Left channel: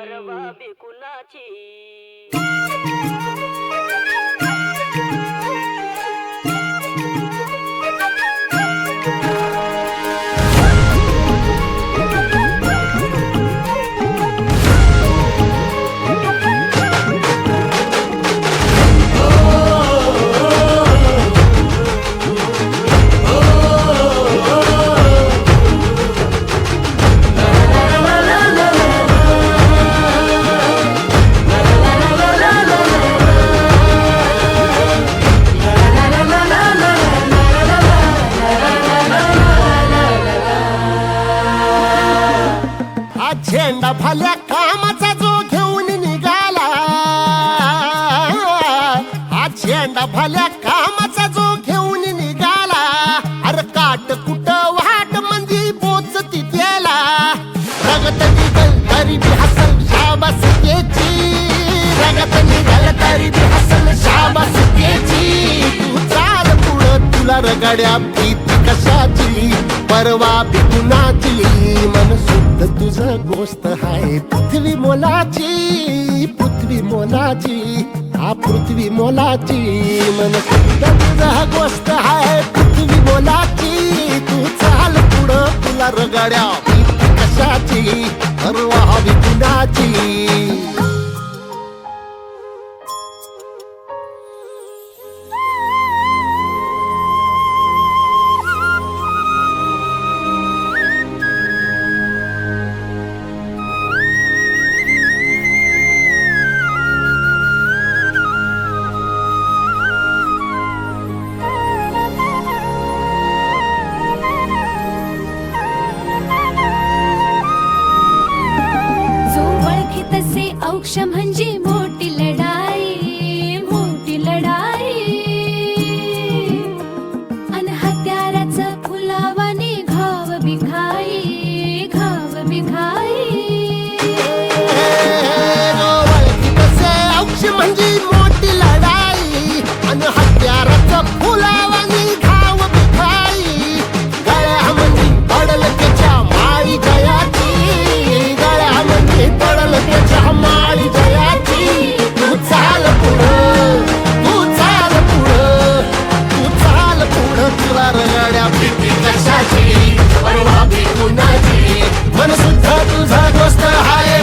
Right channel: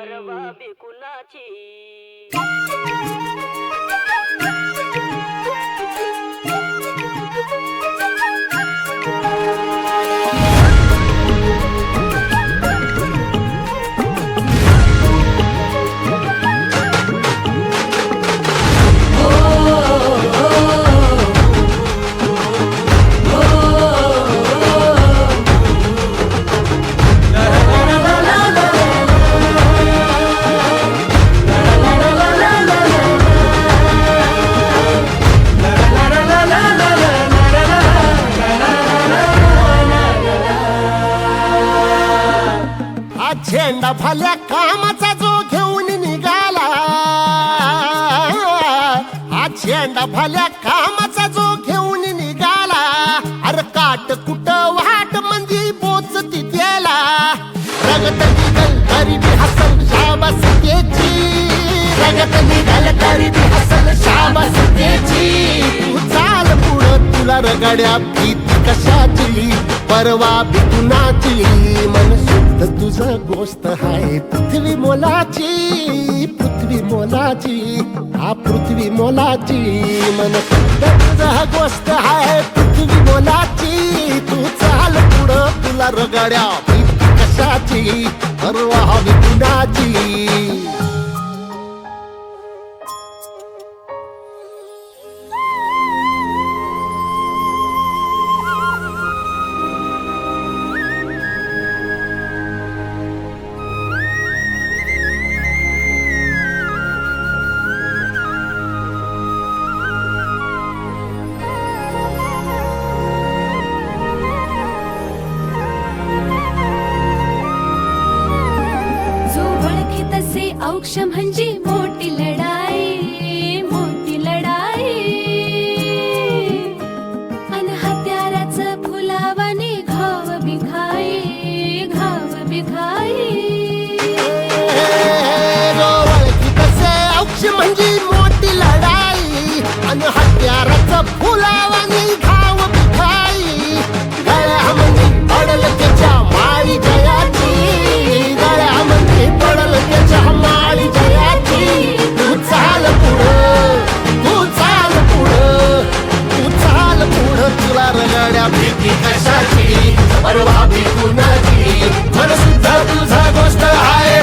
परवा बिकुनाची झेंडा भल्या कामाचा जो घेऊन निघाला, हा झेंडा भल्या कामाचा जो घेऊन निघाला, अरे काट कुट वाट मंदी पोचती त्याला, रगत निघल तरी बी हसल शाबास त्याची, रगत निघल तरी बी हसल शाबास त्याची. तू चाल पुढं तुला रगड्या भीती कशाची, परवा बिकुनाची, मन शुद्ध तुझं गोष्ट हाय पृथ्वी मोलाची, पृथ्वी मोलाची, हा पृथ्वी मोलाची, मन शुद्ध तुझं गोष्ट हाय पृथ्वी मोलाची. तू चाल पुढं तुला रगड्या भीती कशाची, परवा बिकुनाची. औक्ष म्हणजे मोठी लढाई, मोठी लढाई, अन हत्याराचं फुलावानी घाव बिघाई, घाव बिघाई. औक्ष म्हणजे मोठी लढाई अन हत्याराचं फुलावानी घाव बिघाई. गळ्यामध्ये पडल त्याच्या माळी जयाची, गळ्यामध्ये पडल त्याच्या माळी जयाची. तू चाल पुढं, तू चाल पुढं, तू चाल पुढं, तुला रगड्या भीती कशाची, परवा बिकुनाची, मन सुद्धा तुझा गोष्ट हाय